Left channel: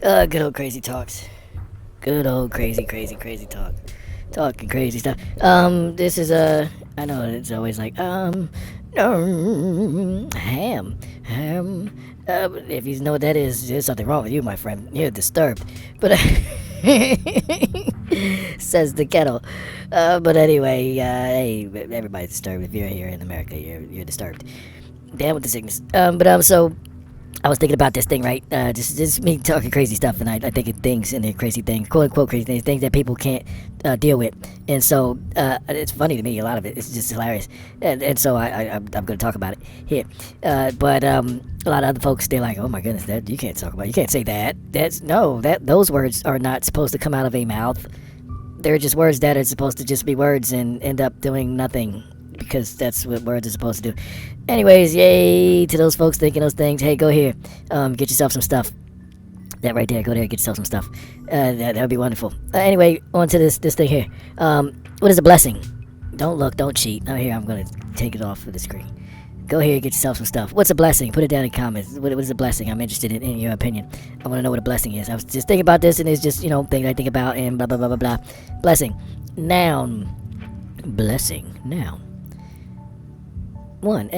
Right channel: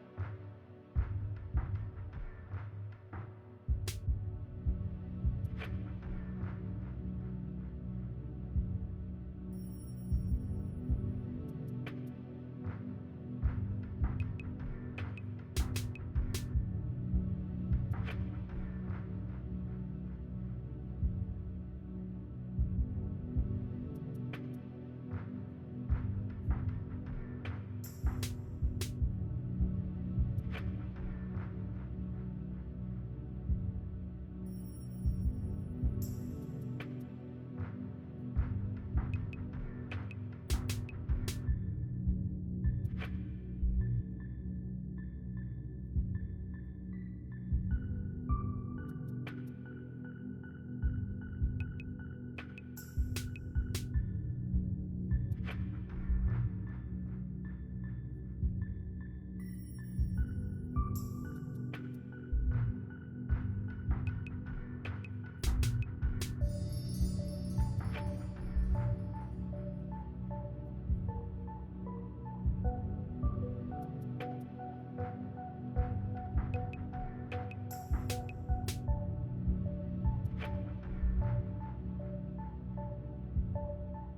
Good old crazy talks. Good old crazy talk. Talking crazy stuff. This is I know it's always like, ham. If you know what that is, there's something wrong with you, my friend. You're disturbed. But, says the kettle. But anyway, hey, everybody's disturbed. If you're here in America, you're disturbed. Down with the sickness. So I was thinking about this thing, right? Just me talking crazy stuff, and I think of things and they're crazy things, quote unquote crazy things that people can't deal with. And so it's funny to me, a lot of it. It's just hilarious. And so I'm going to talk about it here. But a lot of other folks, they're like, oh my goodness, that you can't talk about. You can't say that. Those words are not supposed to come out of a mouth. They're just words that are supposed to just be words and end up doing nothing, because that's what words are supposed to do. Anyways, yay to those folks thinking those things. Hey, go here, get yourself some stuff. That right there, go there, get yourself some stuff. That would be wonderful. Anyway, on to this thing here. What is a blessing? Don't look, don't cheat. Oh, here, I'm gonna take it off of the screen. Go here, get yourself some stuff. What's a blessing? Put it down in comments. What is a blessing? I'm interested in your opinion. I want to know what a blessing is. I was just thinking about this, and it's just, things I think about, and blah, blah, blah, blah, blah. Blessing. Noun. Blessing. Noun. 1.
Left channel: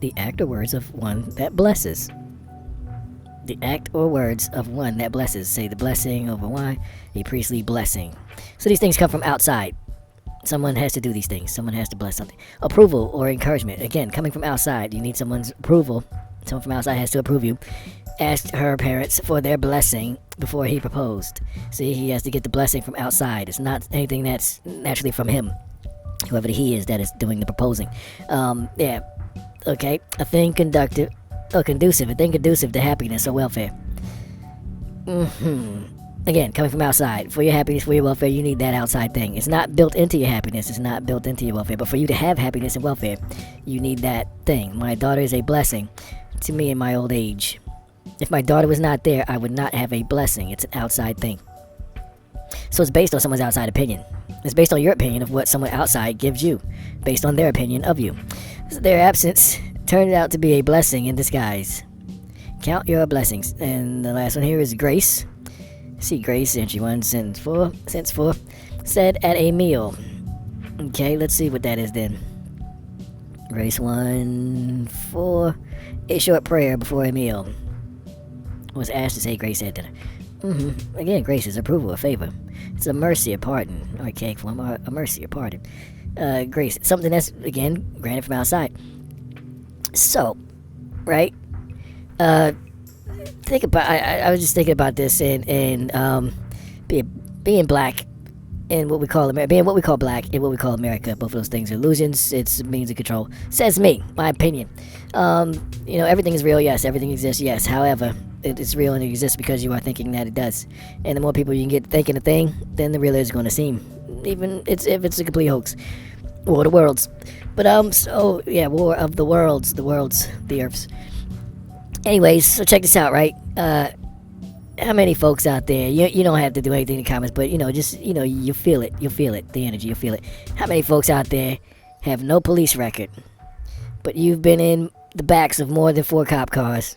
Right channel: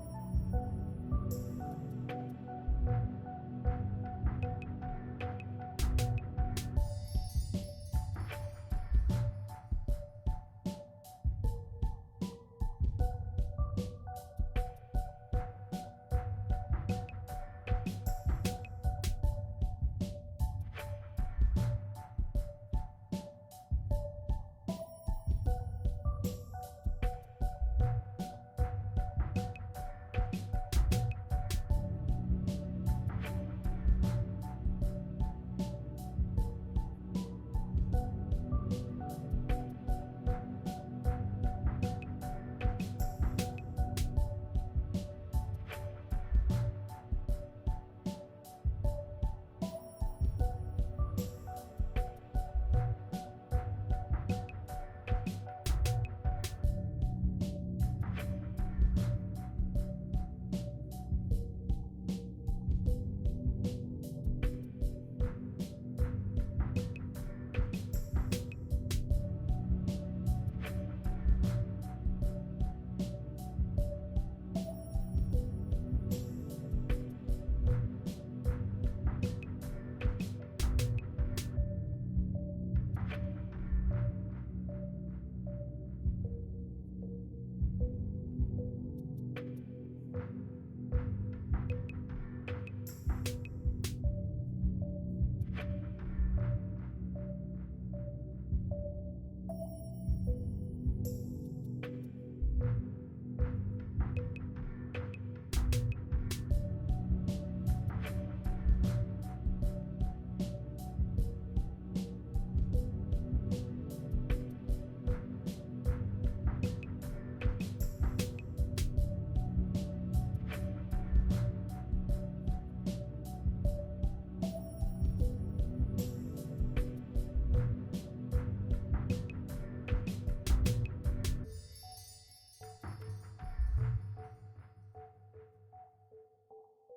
The act or words of one that blesses. The act or words of one that blesses. Say the blessing over wine, a priestly blessing. So these things come from outside. Someone has to do these things. Someone has to bless something. Approval or encouragement. Again, coming from outside. You need someone's approval. Someone from outside has to approve you. Asked her parents for their blessing before he proposed. See, he has to get the blessing from outside. It's not anything that's naturally from him. Whoever the he is that is doing the proposing. Okay. A thing conducive to happiness or welfare. Again, coming from outside. For your happiness, for your welfare, you need that outside thing. It's not built into your happiness. It's not built into your welfare. But for you to have happiness and welfare, you need that thing. My daughter is a blessing to me in my old age. If my daughter was not there, I would not have a blessing. It's an outside thing. So it's based on someone's outside opinion. It's based on your opinion of what someone outside gives you, based on their opinion of you. So their absence turned out to be a blessing in disguise. Count your blessings. And the last one here is grace. See, grace, entry 1, sentence 4, said at a meal. Okay, let's see what that is then. Grace 1, 4, a short prayer before a meal. Was asked to say grace at dinner. Again, grace is approval or favor. It's a mercy or pardon. Archaic form, a mercy or pardon. Grace, something that's, again, granted from outside. So, right? Think about. I was just thinking about this and being black in what we call America, being what we call black in what we call America. Both of those things are illusions. It's a means of control. Says me, my opinion. Everything is real. Yes, everything exists. Yes, however, it is real and it exists because you are thinking that it does. And the more people you can get thinking a thing, then the realer is going to seem. Even if it's a complete hoax. War of the worlds. But war of the worlds, the earths. Anyways, so check this out, right? How many folks out there, you don't have to do anything in the comments, but you feel it, the energy, you feel it. How many folks out there have no police record, but you've been in the backs of more than 4 cop cars?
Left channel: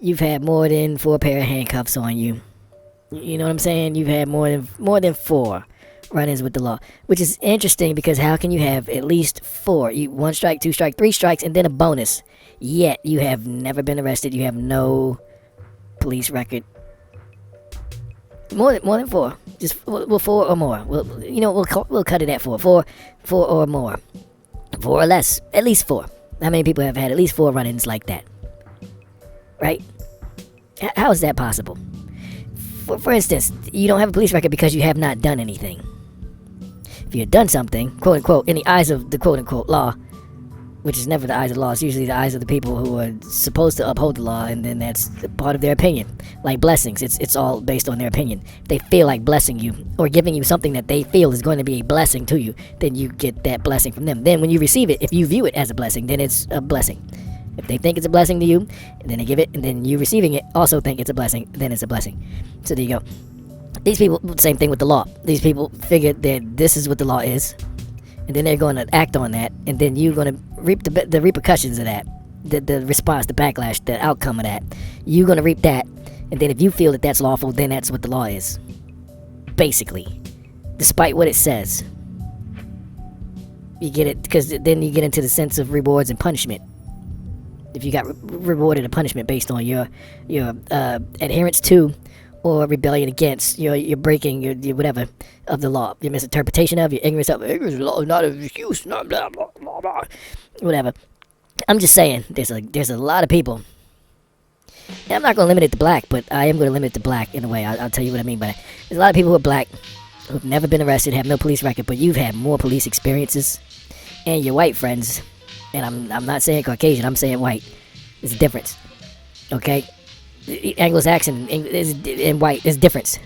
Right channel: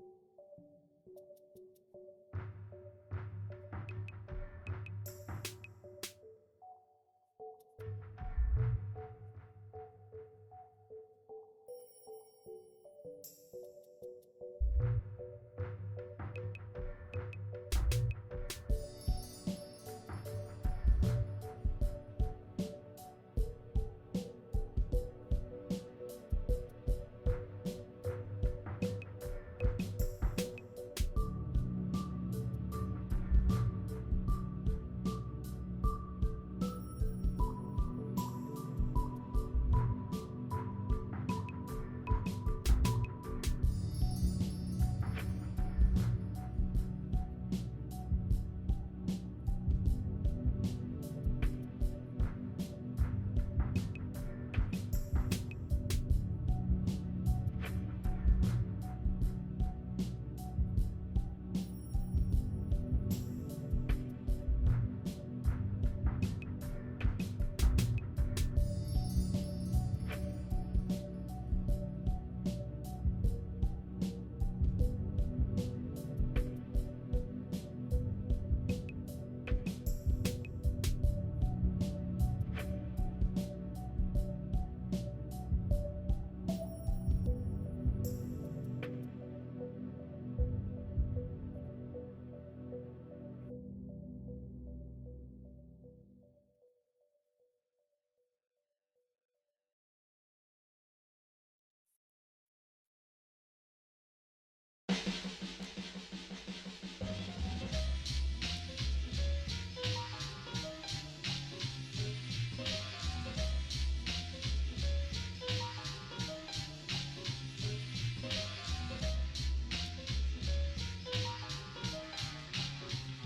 You've had more than 4 pair of handcuffs on you. You know what I'm saying? You've had more than 4 run-ins with the law, which is interesting because how can you have at least 4? 1 strike, 2 strike, 3 strikes, and then a bonus. Yet you have never been arrested. You have no police record. More than 4. Just 4 or more. We'll cut it at 4. 4 or more. 4 or less. At least 4. How many people have had at least 4 run-ins like that? Right? How is that possible? For instance, you don't have a police record because you have not done anything. If you had done something, quote unquote, in the eyes of the quote unquote law, which is never the eyes of the law, it's usually the eyes of the people who are supposed to uphold the law, and then that's part of their opinion. Like blessings, it's all based on their opinion. If they feel like blessing you, or giving you something that they feel is going to be a blessing to you, then you get that blessing from them. Then when you receive it, if you view it as a blessing, then it's a blessing. If they think it's a blessing to you, and then they give it, and then you receiving it also think it's a blessing, then it's a blessing. So there you go. These people, same thing with the law. These people figure that this is what the law is, and then they're going to act on that, and then you're going to reap the repercussions of that, the response, the backlash, the outcome of that. You're going to reap that, And then if you feel that that's lawful, then that's what the law is. Basically. Despite what it says. You get it, because then you get into the sense of rewards and punishment. If you got rewarded a punishment based on your adherence to or rebellion against, your breaking, your whatever, of the law, your misinterpretation of, your ignorance of the law, not an excuse, not blah, blah, blah, blah, whatever. I'm just saying, there's a lot of people. And I'm not going to limit it to black, but I am going to limit it to black in a way. I'll tell you what I mean by that. There's a lot of people who are black, who've never been arrested, have no police record, but you've had more police experiences, and your white friends, and I'm not saying Caucasian, I'm saying white. There's a difference, okay? Anglo-Saxon and white, there's a difference.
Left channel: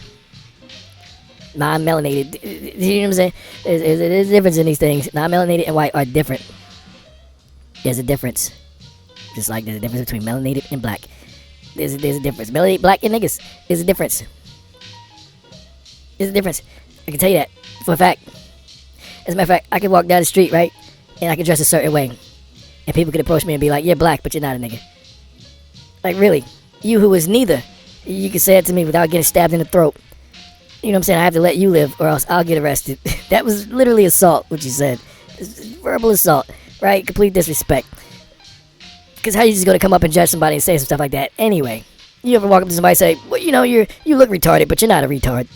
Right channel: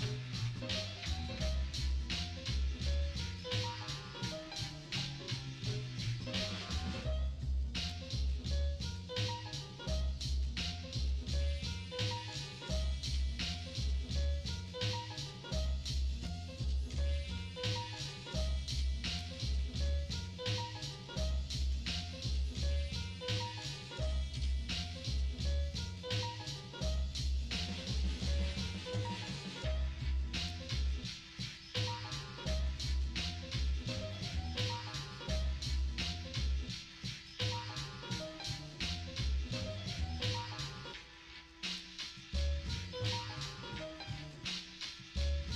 Non-melanated, you know what I'm saying? There's a difference in these things. Non-melanated and white are different. There's a difference. Just like there's a difference between melanated and black. There's a difference. Melanated, black, and niggas. There's a difference. There's a difference. I can tell you that for a fact. As a matter of fact, I can walk down the street, right? And I can dress a certain way. And people could approach me and be like, you're black, but you're not a nigga. Like, really? You who is neither. You can say it to me without getting stabbed in the throat. You know what I'm saying? I have to let you live or else I'll get arrested. That was literally assault, what you said. Verbal assault, right? Complete disrespect. Because how you just going to come up and judge somebody and say some stuff like that? Anyway, you ever walk up to somebody and say, well, you look retarded, but you're not a retard.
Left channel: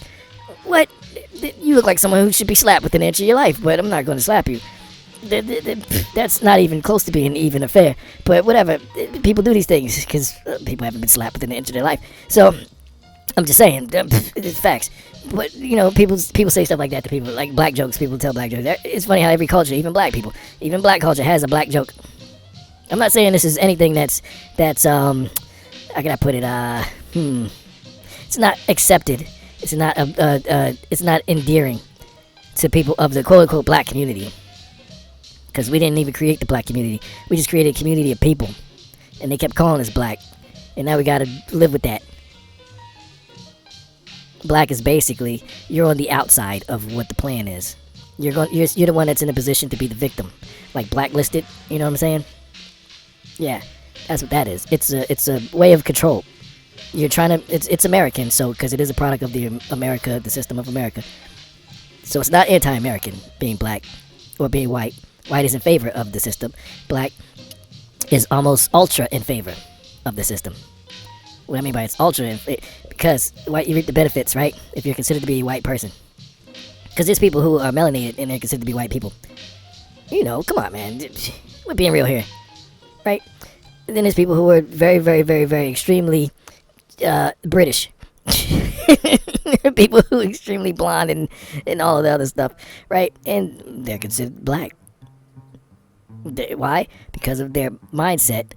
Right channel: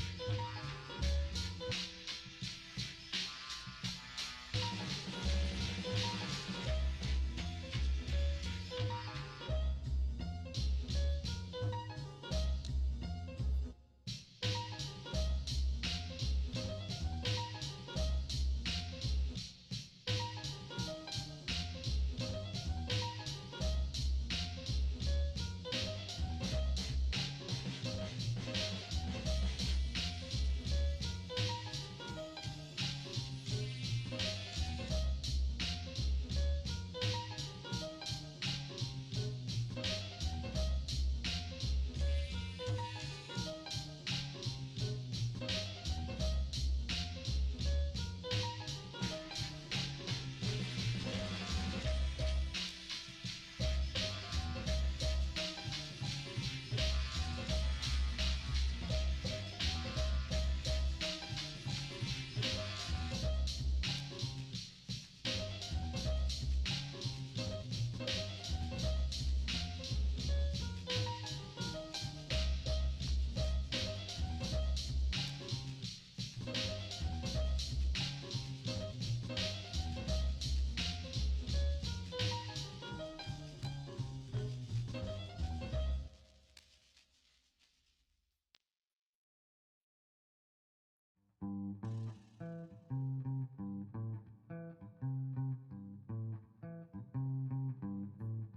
What? You look like someone who should be slapped within an inch of your life, but I'm not going to slap you. That's not even close to being even or fair. But whatever, people do these things because people haven't been slapped within an inch of their life. So, I'm just saying, it's facts. But, people say stuff like that to people, like black jokes. People tell black jokes. It's funny how every culture, even black people, even black culture has a black joke. I'm not saying this is anything that's how can I put it, it's not accepted. It's not endearing to people of the quote-unquote black community. Because we didn't even create the black community. We just created a community of people. And they kept calling us black. And now we gotta live with that. Black is basically, you're on the outside of what the plan is. You're the one that's in a position to be the victim. Like blacklisted, you know what I'm saying? Yeah, that's what that is. It's a way of control. You're trying to, it's American, so, because it is a product of the system of America. So it's not anti-American being black or being white. White is in favor of the system. Black is almost ultra in favor of the system. What I mean by it's ultra, because white, you reap the benefits, right? If you're considered to be a white person. Because there's people who are melanated and they're considered to be white people. Come on, man. We're being real here. Right? And then there's people who are very, very, very, very extremely British. People who are extremely blonde and all of the other stuff. Right? And they're considered black. Why? Because of their mindset,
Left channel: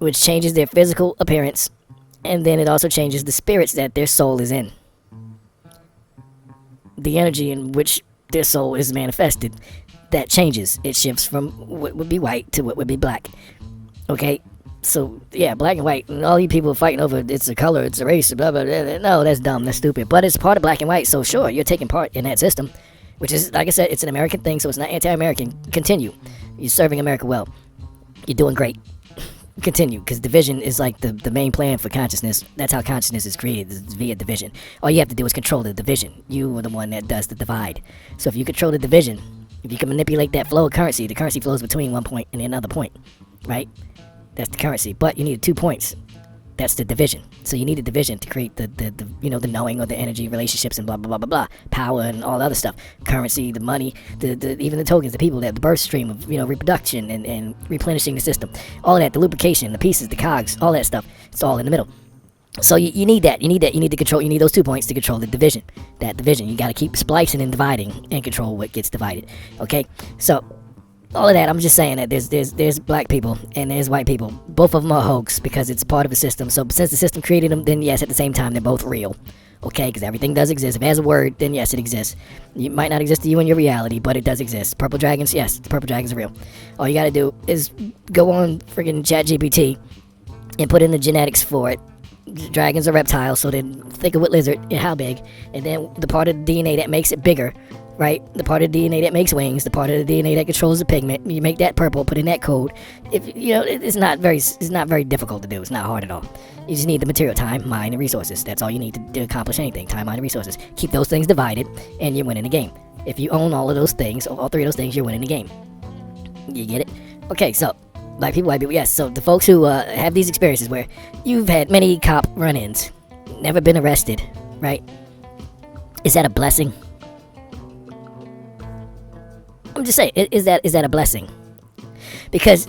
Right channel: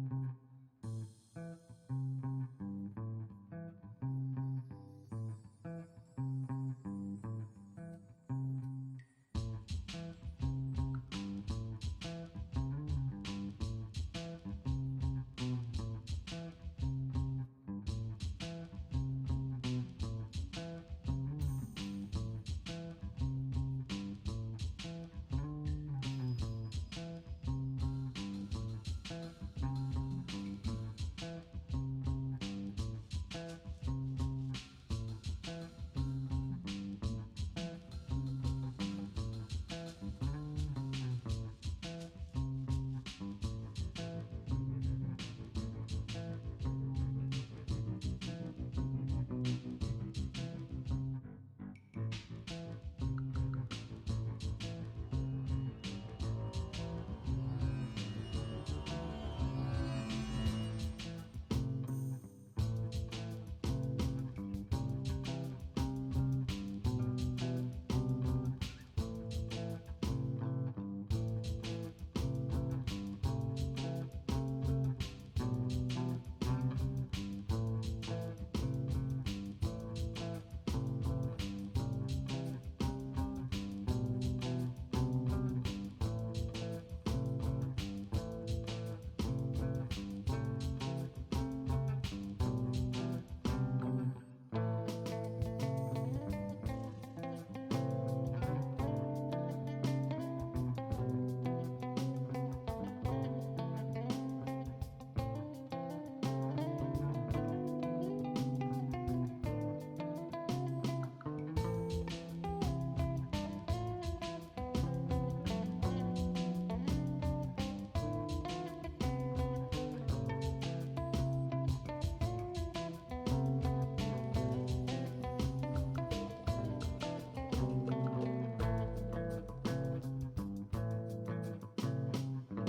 which changes their physical appearance, and then it also changes the spirits that their soul is in. The energy in which their soul is manifested, that changes. It shifts from what would be white to what would be black. Okay? So, yeah, black and white, and all you people fighting over it's a color, it's a race, blah, blah, blah. No, that's dumb, that's stupid. But it's part of black and white, so sure, you're taking part in that system, which is, like I said, it's an American thing, so it's not anti-American. Continue. You're serving America well. You're doing great. Continue, because division is like the main plan for consciousness. That's how consciousness is created, is via division. All you have to do is control the division. You are the one that does the divide. So if you control the division, if you can manipulate that flow of currency, the currency flows between one point and another point, right? That's the currency. But you need 2 points. That's the division. So you need a division to create the knowing or the energy, relationships, and blah, blah, blah, blah, blah. Power and all the other stuff. Currency, the money, even the tokens, the people, the birth stream of, reproduction and replenishing the system. All of that, the lubrication, the pieces, the cogs, all that stuff. It's all in the middle. So you need that. You need to control. You need those 2 points to control the division. That division. You got to keep splicing and dividing and control what gets divided. Okay? So, all of that, I'm just saying that there's black people and there's white people. Both of them are hoax because it's part of a system. So since the system created them, then yes, at the same time, they're both real. Okay, because everything does exist. If it has a word, then yes, it exists. It might not exist to you in your reality, but it does exist. Purple dragons, yes, purple dragons are real. All you gotta do is go on friggin' ChatGPT and put in the genetics for it. Dragons are reptiles, so then think of what lizard and how big, and then the part of the DNA that makes it bigger, right? The part of the DNA that makes wings, the part of the DNA that controls the pigment. You make that purple, put in that code. If it's not very difficult to do. It's not hard at all. You just need the material, time, mind, and resources. That's all you need to accomplish anything. Time, mind, and resources. Keep those things divided, and you're winning the game. If you own all of those things, all three of those things, you're winning the game. You get it? Okay, so black people, white people, yes. So the folks who have these experiences where you've had many cop run-ins, never been arrested, right? Is that a blessing? I'm just saying, is that a blessing? Because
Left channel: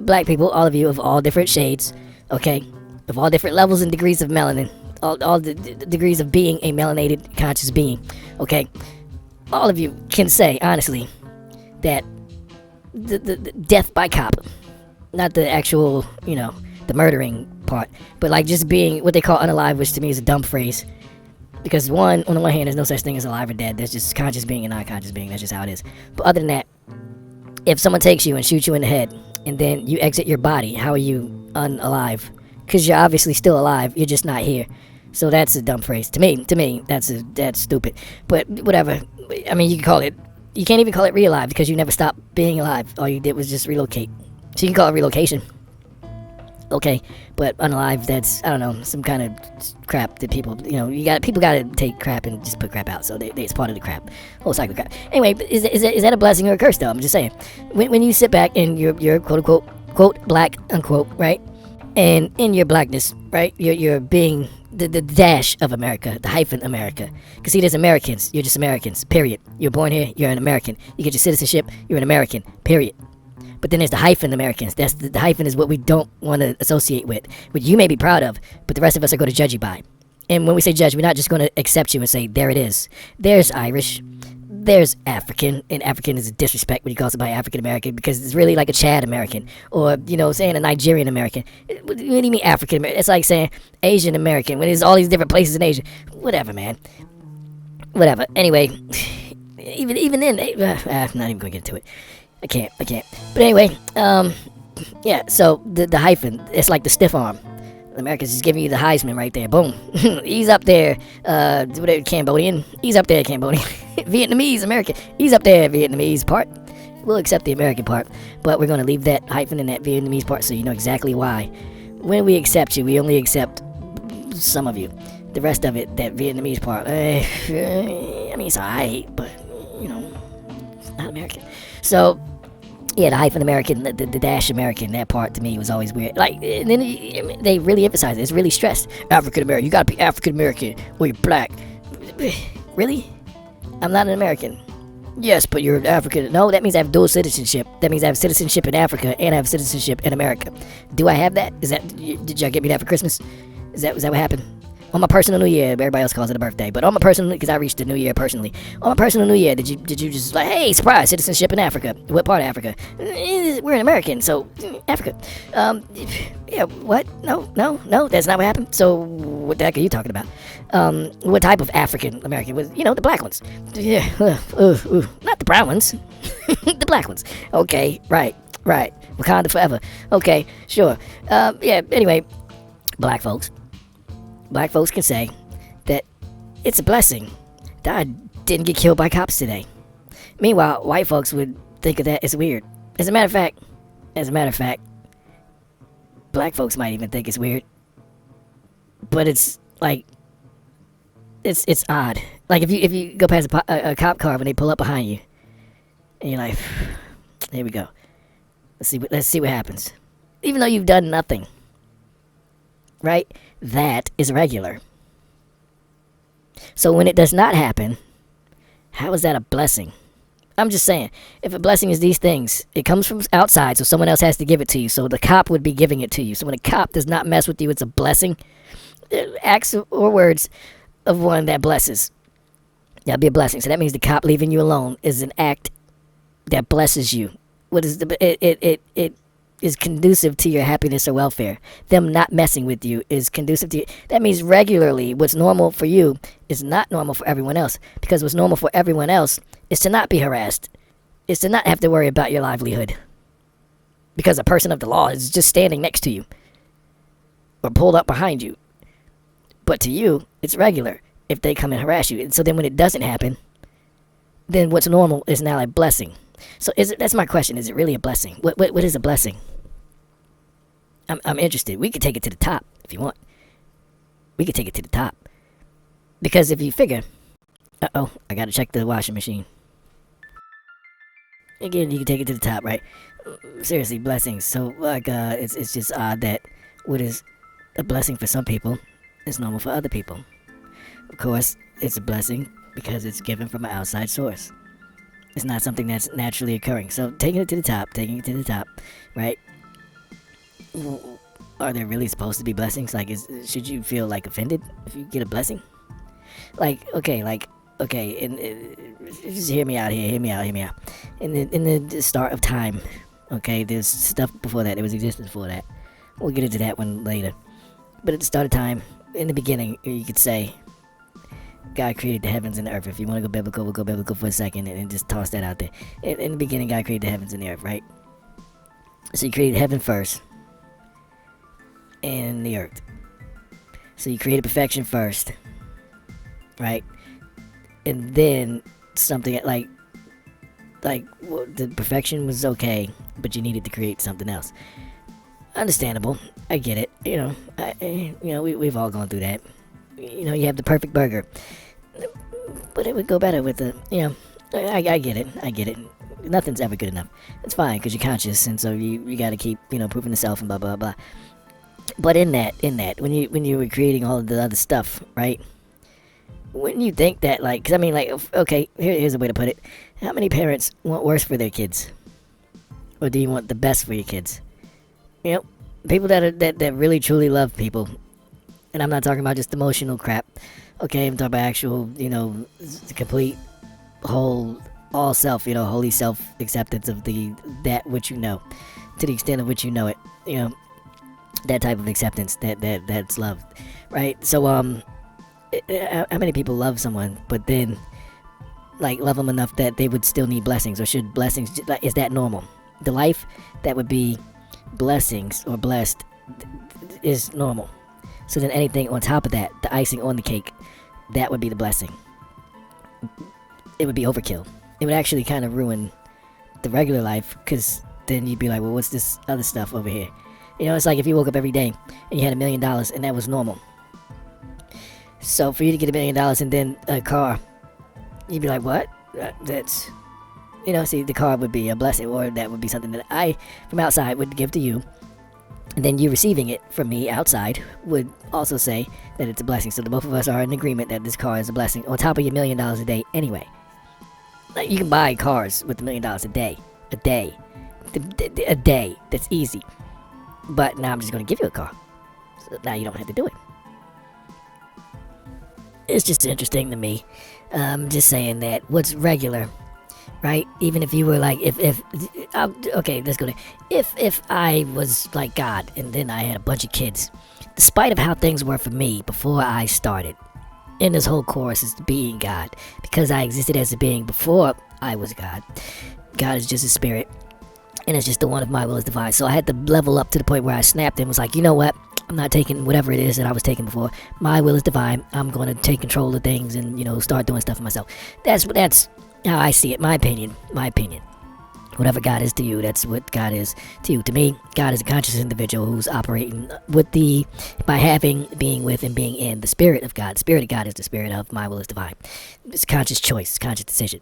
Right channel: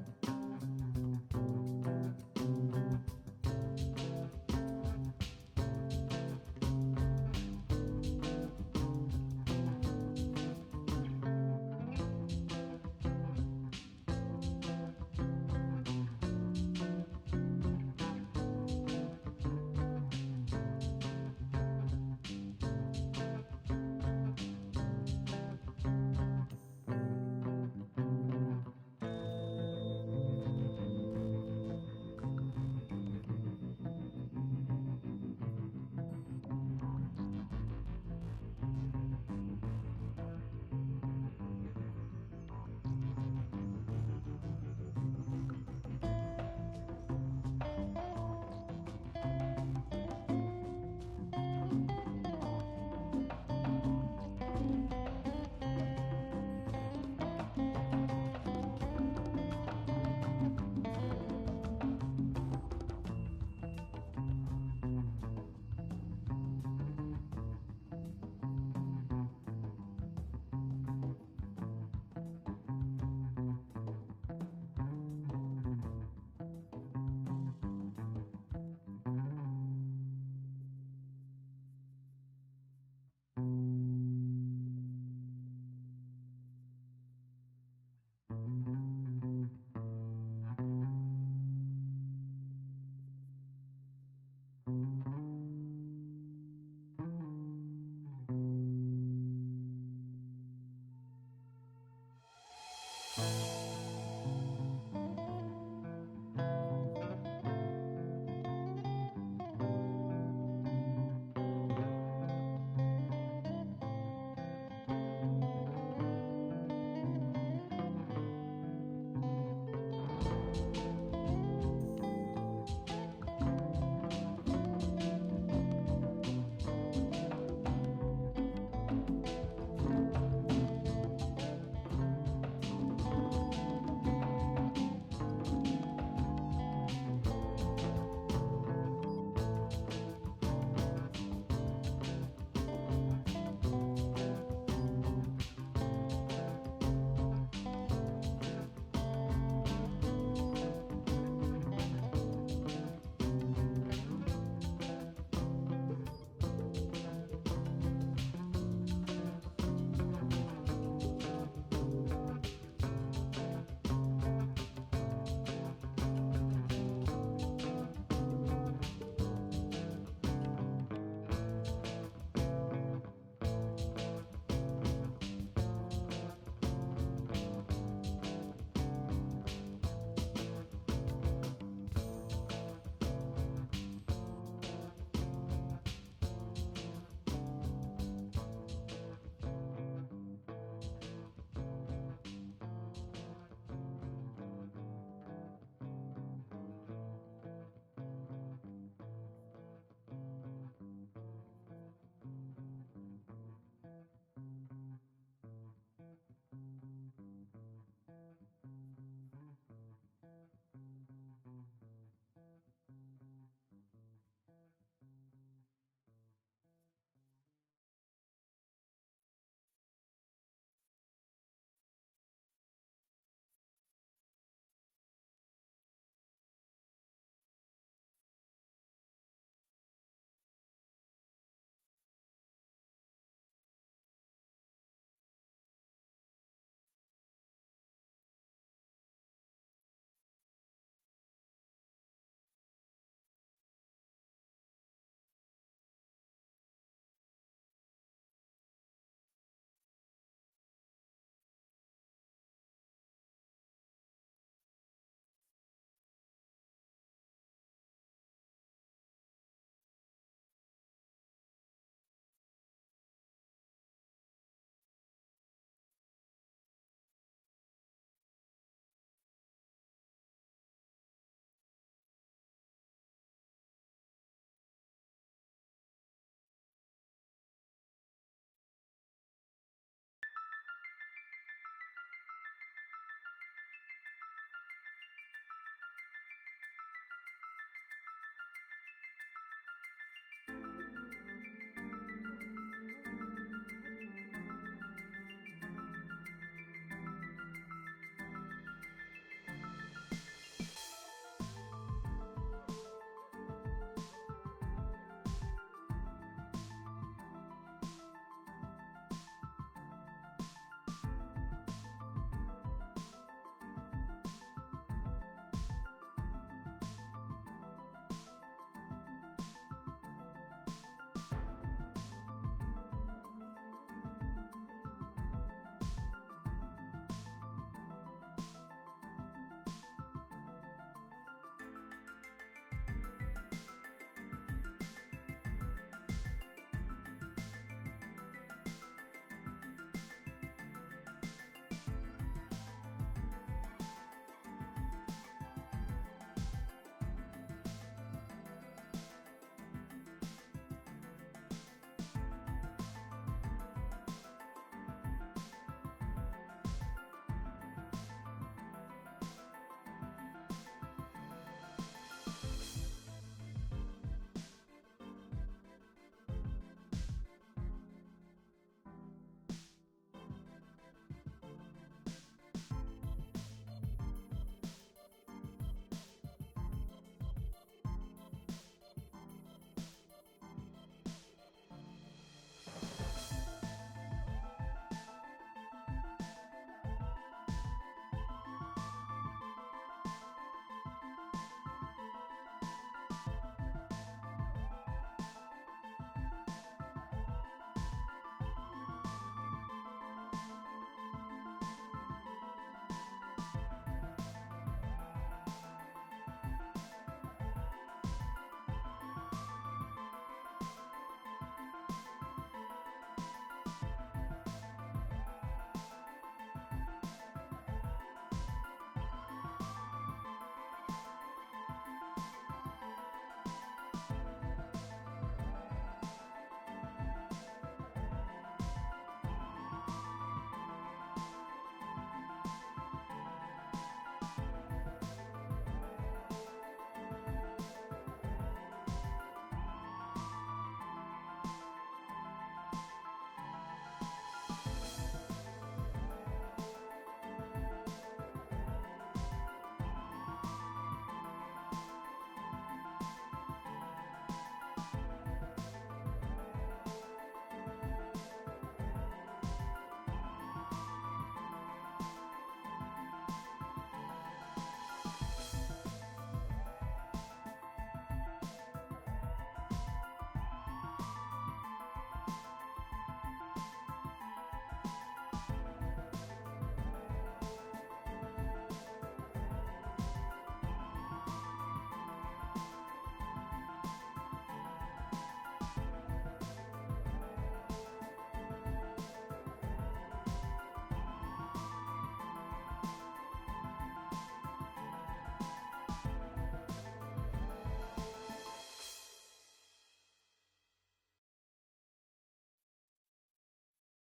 black people, all of you of all different shades, okay, of all different levels and degrees of melanin, all the degrees of being a melanated conscious being, okay, all of you can say honestly that the death by cop, not the actual, the murdering part, but like just being what they call unalive, which to me is a dumb phrase. Because on the one hand, there's no such thing as alive or dead. There's just conscious being and non-conscious being. That's just how it is. But other than that, if someone takes you and shoots you in the head, and then you exit your body, how are you unalive? Because you're obviously still alive. You're just not here. So that's a dumb phrase. To me, that's stupid. But whatever. I mean, you can't even call it re-alive because you never stopped being alive. All you did was just relocate. So you can call it relocation. Okay, but unalive, that's, I don't know, some kind of crap that people, people gotta take crap and just put crap out, so it's part of the crap, whole cycle of crap. Anyway, but is that a blessing or a curse, though? I'm just saying, when you sit back and you're quote-unquote, quote, black, unquote, right, and in your blackness, right, you're being the dash of America, the hyphen America, because see, there's Americans, you're just Americans, period. You're born here, you're an American. You get your citizenship, you're an American, period. But then there's the hyphen Americans. That's the hyphen is what we don't want to associate with, what you may be proud of, but the rest of us are going to judge you by. And when we say judge, we're not just going to accept you and say, there it is. There's Irish, there's African, and African is a disrespect when he calls somebody African American because it's really like a Chad American, or, saying a Nigerian American. What do you mean African American? It's like saying Asian American when there's all these different places in Asia. Whatever, man. Whatever. Anyway, even then, I'm not even going to get into it. I can't. But anyway, yeah, so the hyphen, it's like the stiff arm. America's just giving you the Heisman right there. Boom. He's up there, Cambodian. He's up there, Cambodian. Vietnamese, American. He's up there, Vietnamese part. We'll accept the American part, but we're going to leave that hyphen in that Vietnamese part so you know exactly why. When we accept you, we only accept some of you. The rest of it, that Vietnamese part, I mean, it's alright, but, it's not American. So, yeah, the hyphen American, the dash American, that part to me was always weird. Like, and then they really emphasize it. It's really stressed. African American, you gotta be African American or you're black. Really? I'm not an American. Yes, but you're African. No, that means I have dual citizenship. That means I have citizenship in Africa and I have citizenship in America. Do I have that? Did y'all get me that for Christmas? Was that what happened? On my personal New Year, everybody else calls it a birthday, but on my personal, because I reached the New Year personally. On my personal New Year, did you just like, hey, surprise, citizenship in Africa? What part of Africa? We're an American, so Africa. Yeah, what? No, that's not what happened. So what the heck are you talking about? What type of African American was? The black ones. Yeah, not the brown ones, the black ones. Okay, right. Wakanda forever. Okay, sure. Yeah. Anyway, black folks can say that it's a blessing that I didn't get killed by cops today. Meanwhile, white folks would think of that as weird. As a matter of fact, black folks might even think it's weird. But it's like, it's odd. Like if you go past a cop car when they pull up behind you, and you're like, here we go. Let's see what happens. Even though you've done nothing, right? That is regular. So when it does not happen, how is that a blessing? I'm just saying, if a blessing is these things, it comes from outside, so someone else has to give it to you. So the cop would be giving it to you. So when a cop does not mess with you, it's a blessing. Acts or words of one that blesses. That'll be a blessing. So that means the cop leaving you alone is an act that blesses you. What is it is conducive to your happiness or welfare. Them not messing with you is conducive to you. That means regularly what's normal for you is not normal for everyone else. Because what's normal for everyone else is to not be harassed. Is to not have to worry about your livelihood. Because a person of the law is just standing next to you. Or pulled up behind you. But to you, it's regular if they come and harass you. And so then when it doesn't happen, then what's normal is now a blessing. So that's my question. Is it really a blessing? What is a blessing? I'm interested. We could take it to the top if you want. We could take it to the top. Because if you figure, I gotta check the washing machine. Again, you can take it to the top, right? Seriously, blessings. So, like, it's just odd that what is a blessing for some people is normal for other people. Of course, it's a blessing because it's given from an outside source. It's not something that's naturally occurring. So, taking it to the top, right? Are there really supposed to be blessings? Like, should you feel like offended if you get a blessing? Okay, and just hear me out here. Hear me out. In the start of time, okay, there's stuff before that. There was existence before that. We'll get into that one later. But at the start of time, in the beginning, you could say, God created the heavens and the earth. If you want to go biblical, we'll go biblical for a second and just toss that out there. In the beginning, God created the heavens and the earth, right? So he created heaven first and the earth. So you created perfection first, right? And then something like well, the perfection was okay, but you needed to create something else. Understandable. I get it. We've all gone through that. You have the perfect burger, but it would go better with the, I get it. Nothing's ever good enough. It's fine because you're conscious, and so you got to keep, proving yourself and blah blah blah. But in that, when you were creating all of the other stuff, right? Wouldn't you think that, okay, here's a way to put it. How many parents want worse for their kids, or do you want the best for your kids? People that really truly love people. And I'm not talking about just emotional crap. Okay, I'm talking about actual, complete, whole, all self, holy self acceptance of that which you know, to the extent of which you know it, that type of acceptance, that's love, right? So, how many people love someone, but then, love them enough that they would still need blessings, or should blessings, is that normal? The life that would be blessings or blessed is normal. So then anything on top of that, the icing on the cake, that would be the blessing. It would be overkill. It would actually kind of ruin the regular life, because then you'd be like, well, what's this other stuff over here? It's like if you woke up every day and you had $1 million and that was normal. So for you to get $1 million and then a car, you'd be like, what? That's, see, the car would be a blessing, or that would be something that I, from outside, would give to you. And then you receiving it from me outside would also say that it's a blessing. So the both of us are in agreement that this car is a blessing on top of your $1 million a day anyway. You can buy cars with $1 million a day. A day. That's easy. But now I'm just going to give you a car. So now you don't have to do it. It's just interesting to me. Just saying that what's regular, right? Even if you were like, okay, let's go there. If I was like God and then I had a bunch of kids, despite of how things were for me before I started, in this whole course is being God, because I existed as a being before I was God. God is just a spirit, and it's just the one of my will is divine. So I had to level up to the point where I snapped and was like, you know what? I'm not taking whatever it is that I was taking before. My will is divine. I'm going to take control of things and, start doing stuff for myself. That's how I see it. My opinion. Whatever God is to you, that's what God is to you. To me, God is a conscious individual who's operating by having, being with, and being in the spirit of God. The spirit of God is the spirit of my will is divine. It's a conscious choice, conscious decision,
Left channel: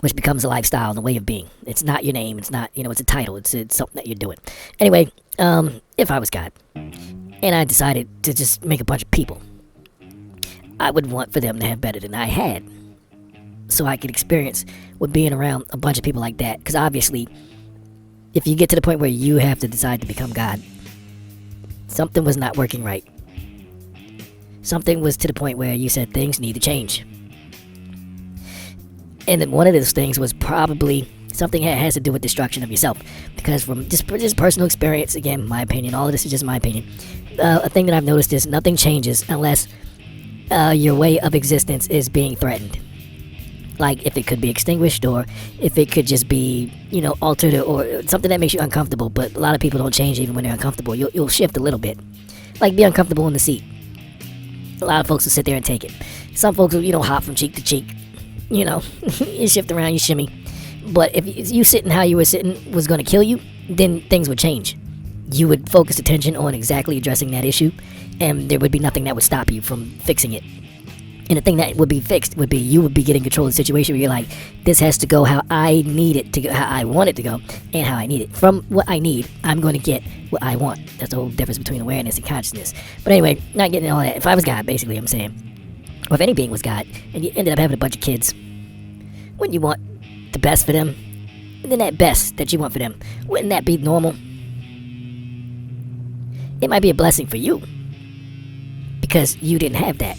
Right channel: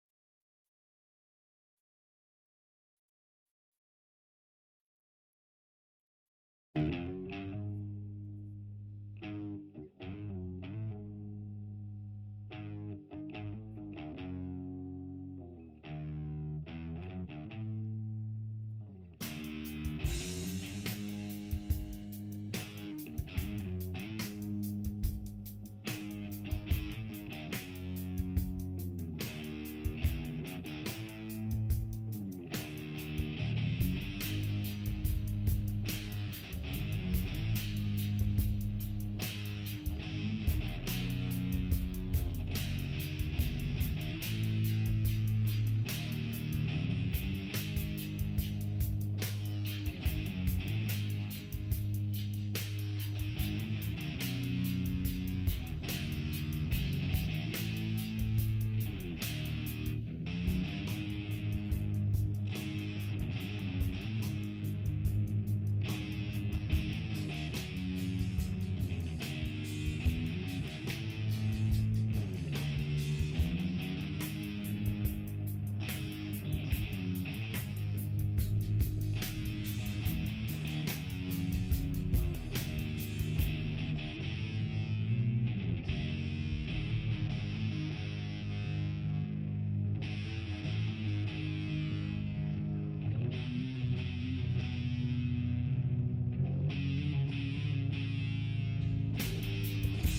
which becomes a lifestyle and a way of being. It's not your name. It's not, it's a title. It's something that you're doing. Anyway, if I was God and I decided to just make a bunch of people, I would want for them to have better than I had, so I could experience with being around a bunch of people like that. Because obviously, if you get to the point where you have to decide to become God, something was not working right. Something was to the point where you said things need to change. And then one of those things was probably something that has to do with destruction of yourself. Because from just personal experience, again, my opinion, all of this is just my opinion. A thing that I've noticed is nothing changes unless your way of existence is being threatened. Like if it could be extinguished, or if it could just be, altered, or something that makes you uncomfortable. But a lot of people don't change even when they're uncomfortable. You'll shift a little bit. Like be uncomfortable in the seat. A lot of folks will sit there and take it. Some folks will, hop from cheek to cheek. You shift around, you shimmy. But if you sitting how you were sitting was going to kill you, then things would change. you would focus attention on exactly addressing that issue, and there would be nothing that would stop you from fixing it. And the thing that would be fixed would be you would be getting control of the situation where you're like, this has to go how I need it to go, how I want it to go, and how I need it. From what I need, I'm going to get what I want. That's the whole difference between awareness and consciousness. But anyway, not getting all that. If I was God, basically, I'm saying, or if any being was God, and you ended up having a bunch of kids, wouldn't you want the best for them? And then that best that you want for them, wouldn't that be normal? It might be a blessing for you, because you didn't have that.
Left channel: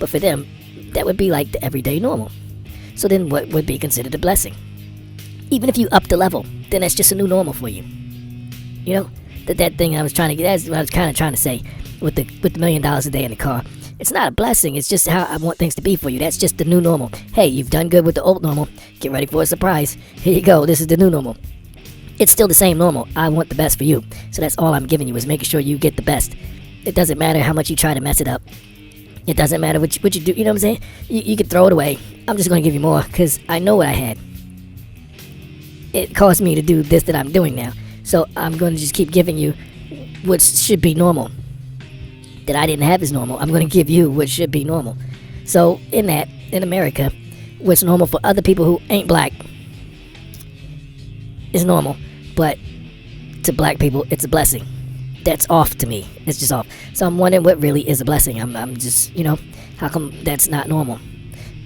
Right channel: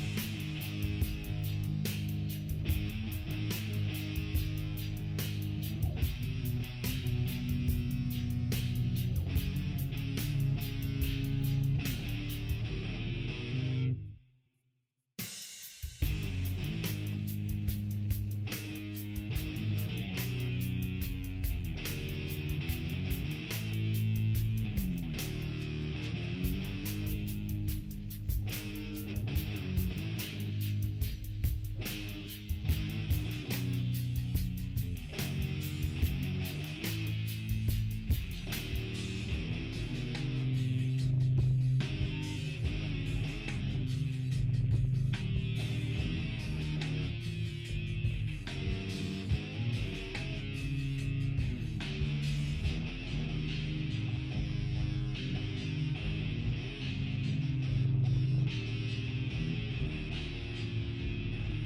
But for them, that would be like the everyday normal. So then what would be considered a blessing? Even if you up the level, then that's just a new normal for you. You know? That thing I was trying to get, that's what I was kind of trying to say with the $1 million a day in the car. It's not a blessing, it's just how I want things to be for you. That's just the new normal. Hey, you've done good with the old normal. Get ready for a surprise. Here you go, this is the new normal. It's still the same normal. I want the best for you. So that's all I'm giving you, is making sure you get the best. It doesn't matter how much you try to mess it up. It doesn't matter what you do, you know what I'm saying? You could throw it away. I'm just going to give you more, because I know what I had. It caused me to do this that I'm doing now. So I'm going to just keep giving you what should be normal. That I didn't have as normal. I'm going to give you what should be normal. So in America, what's normal for other people who ain't black is normal. But to black people, it's a blessing. That's off to me. It's just off. So I'm wondering what really is a blessing. I'm just, how come that's not normal?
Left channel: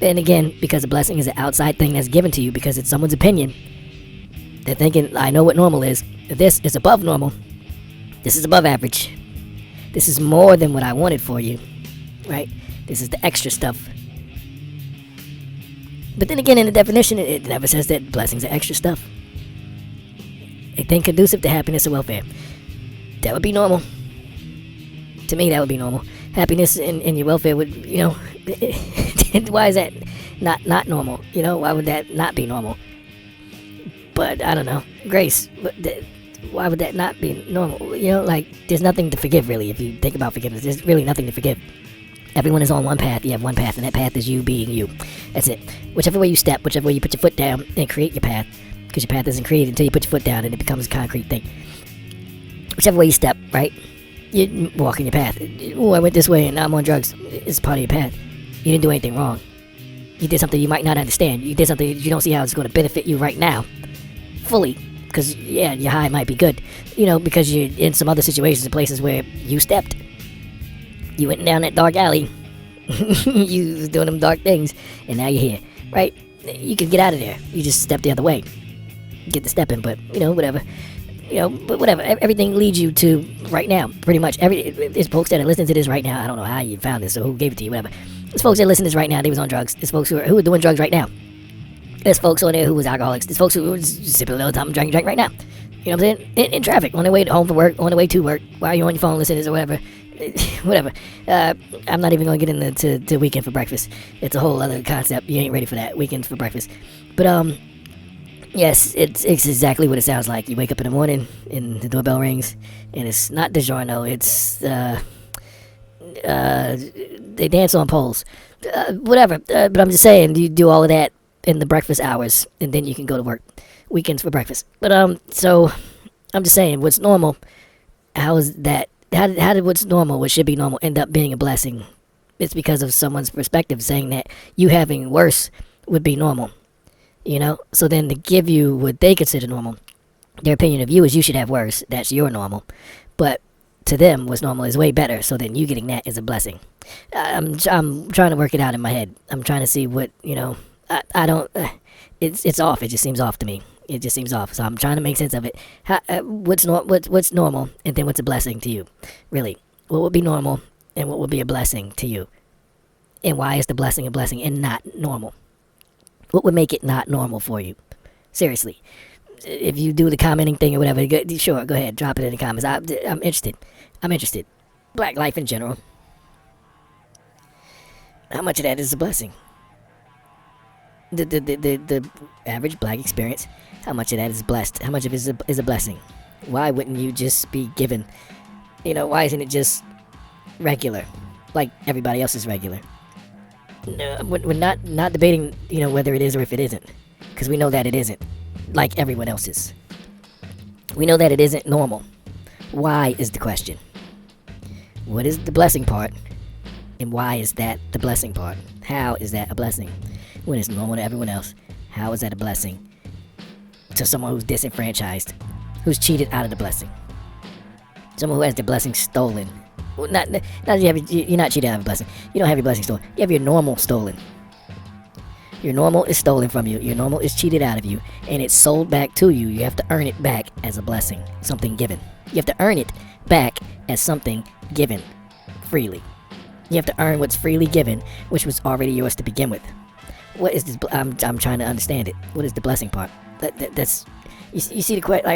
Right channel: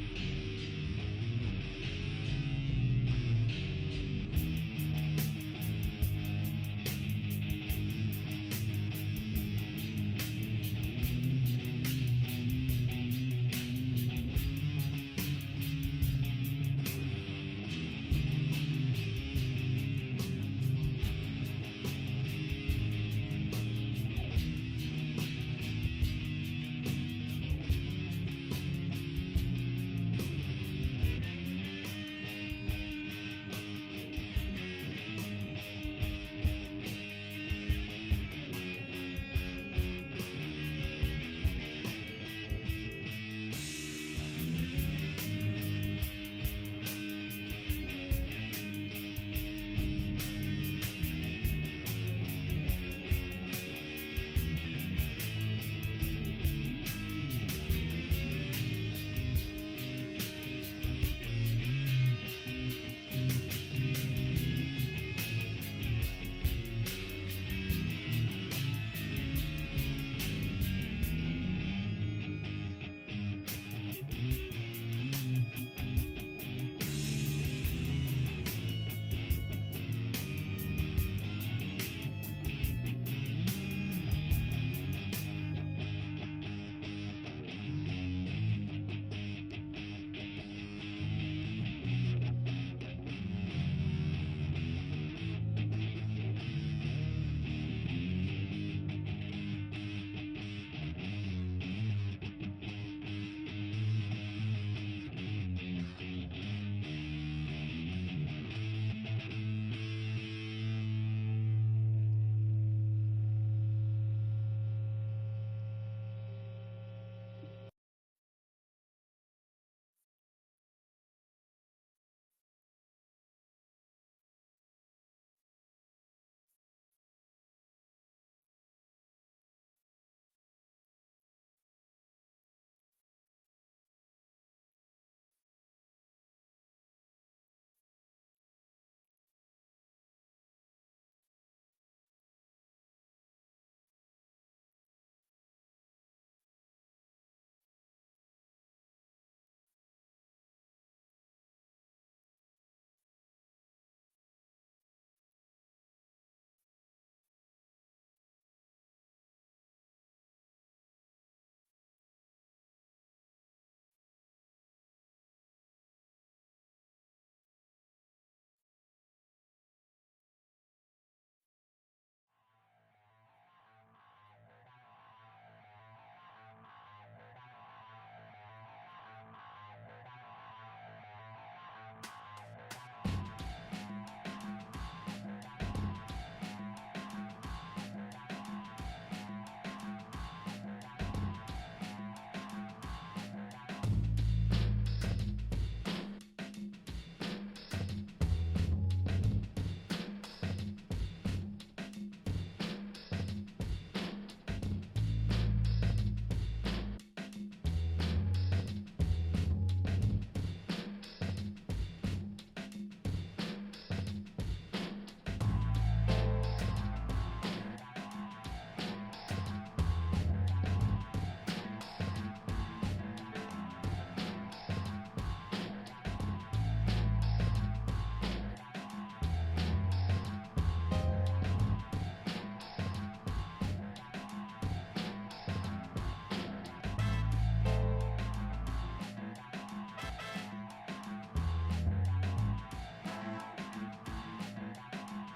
And again, because a blessing is an outside thing that's given to you because it's someone's opinion. They're thinking, I know what normal is. This is above normal. This is above average. This is more than what I wanted for you. Right? This is the extra stuff. But then again, in the definition, it never says that blessings are extra stuff. A thing conducive to happiness and welfare. That would be normal. To me, that would be normal. Happiness and your welfare would, why is that not normal? Why would that not be normal? But, I don't know. Grace, why would that not be normal? There's nothing to forgive, really, if you think about forgiveness. There's really nothing to forgive. Everyone is on one path. You have one path, and that path is you being you. That's it. Whichever way you step, whichever way you put your foot down and create your path, because your path isn't created until you put your foot down and it becomes a concrete thing. Whichever way you step, right? You're walking your path. Oh, I went this way and now I'm on drugs. It's part of your path. You didn't do anything wrong. You did something you might not understand. You did something you don't see how it's going to benefit you right now. Fully. Because, yeah, your high might be good. Because you're in some other situations and places where you stepped. You went down that dark alley. You was doing them dark things. And now you're here. Right? You could get out of there. You just step the other way. Get the step in, but, whatever. But whatever. Everything leads you to right now. Pretty much. There's folks that are listening to this right now. I don't know how you found this or who gave it to you, whatever. There's folks that listen to this right now. They was on drugs. There's folks who are doing drugs right now. There's folks on there who was alcoholics. There's folks who was sipping a little time, drinking right now. You know what I'm saying? In traffic, on their way home from work, on their way to work, while you're on your phone listening to this or whatever. Whatever. I'm not even going to get into Weekend for Breakfast. It's a whole other concept. You ain't ready for that. Weekend for Breakfast. But, yes, it's exactly what it sounds like. You wake up in the morning and the doorbell rings, and it's not DiGiorno. It's, they dance on poles. Whatever. But I'm just saying, you do all of that in the breakfast hours, and then you can go to work. Weekends for breakfast. But, so, I'm just saying, what's normal, how is that, how did what's normal, what should be normal, end up being a blessing? It's because of someone's perspective saying that you having worse would be normal. So then to give you what they consider normal, their opinion of you is you should have worse. That's your normal. But to them, what's normal is way better. So then you getting that is a blessing. I'm trying to work it out in my head. I'm trying to see what, I don't, it's off. It just seems off to me. It just seems off. So I'm trying to make sense of it. What's normal and then what's a blessing to you? Really, what would be normal and what would be a blessing to you? And why is the blessing a blessing and not normal? What would make it not normal for you? Seriously. If you do the commenting thing or whatever, sure, go ahead. Drop it in the comments. I'm interested. Black life in general. How much of that is a blessing? The average black experience, how much of that is blessed? How much of it is a blessing? Why wouldn't you just be given? Why isn't it just regular? Like everybody else is regular. No, we're not debating, whether it is or if it isn't. Because we know that it isn't. Like everyone else is. We know that it isn't normal. Why is the question. What is the blessing part? And why is that the blessing part? How is that a blessing? When it's normal to everyone else, how is that a blessing to someone who's disenfranchised, who's cheated out of the blessing? Someone who has the blessing stolen. Well, you're not cheated out of a blessing. You don't have your blessing stolen. You have your normal stolen. Your normal is stolen from you. Your normal is cheated out of you, and it's sold back to you. You have to earn it back as a blessing, something given. You have to earn it back as something given freely. You have to earn what's freely given, which was already yours to begin with. What is this? I'm trying to understand it. What is the blessing part? That's you see the question.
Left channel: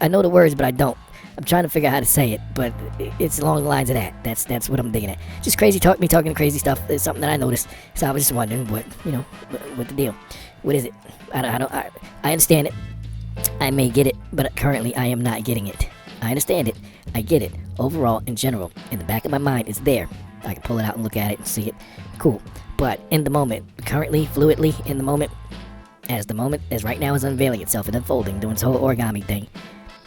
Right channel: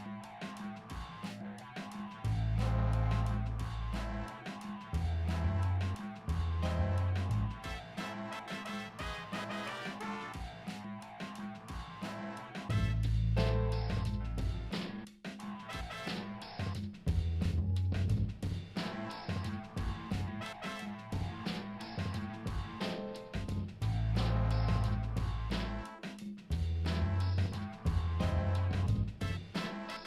I know the words, but I don't. I'm trying to figure out how to say it, but it's along the lines of that. That's what I'm digging at. Just crazy talk, me talking crazy stuff is something that I noticed. So I was just wondering what the deal? What is it? I understand it. I may get it, but currently I am not getting it. I understand it. I get it. Overall, in general, in the back of my mind, it's there. I can pull it out and look at it and see it. Cool. But in the moment, currently, fluidly, in the moment, as right now is unveiling itself and unfolding, doing its whole origami thing,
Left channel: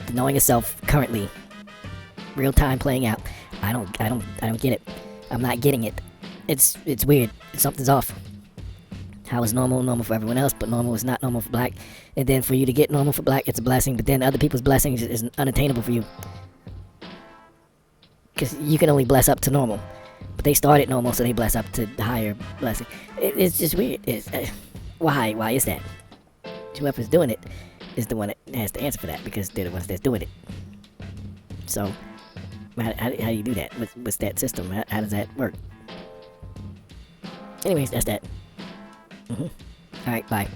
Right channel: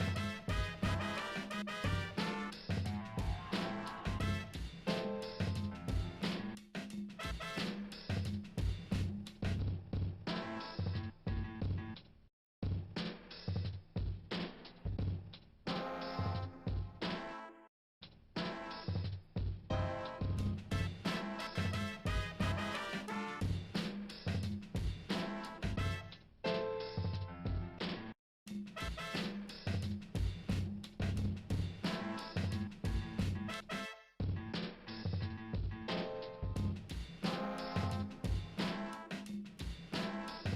the knowing itself currently, real time playing out, I don't get it. I'm not getting it. It's weird. Something's off. How is normal for everyone else, but normal is not normal for black. And then for you to get normal for black, it's a blessing, but then other people's blessings is unattainable for you. Because you can only bless up to normal. But they started normal, so they bless up to the higher blessing. It's just weird. Why? Why is that? Whoever's doing it is the one that has to answer for that, because they're the ones that's doing it. So, how do you do that? What's that system? How does that work? Anyways, that's that. Alright, bye.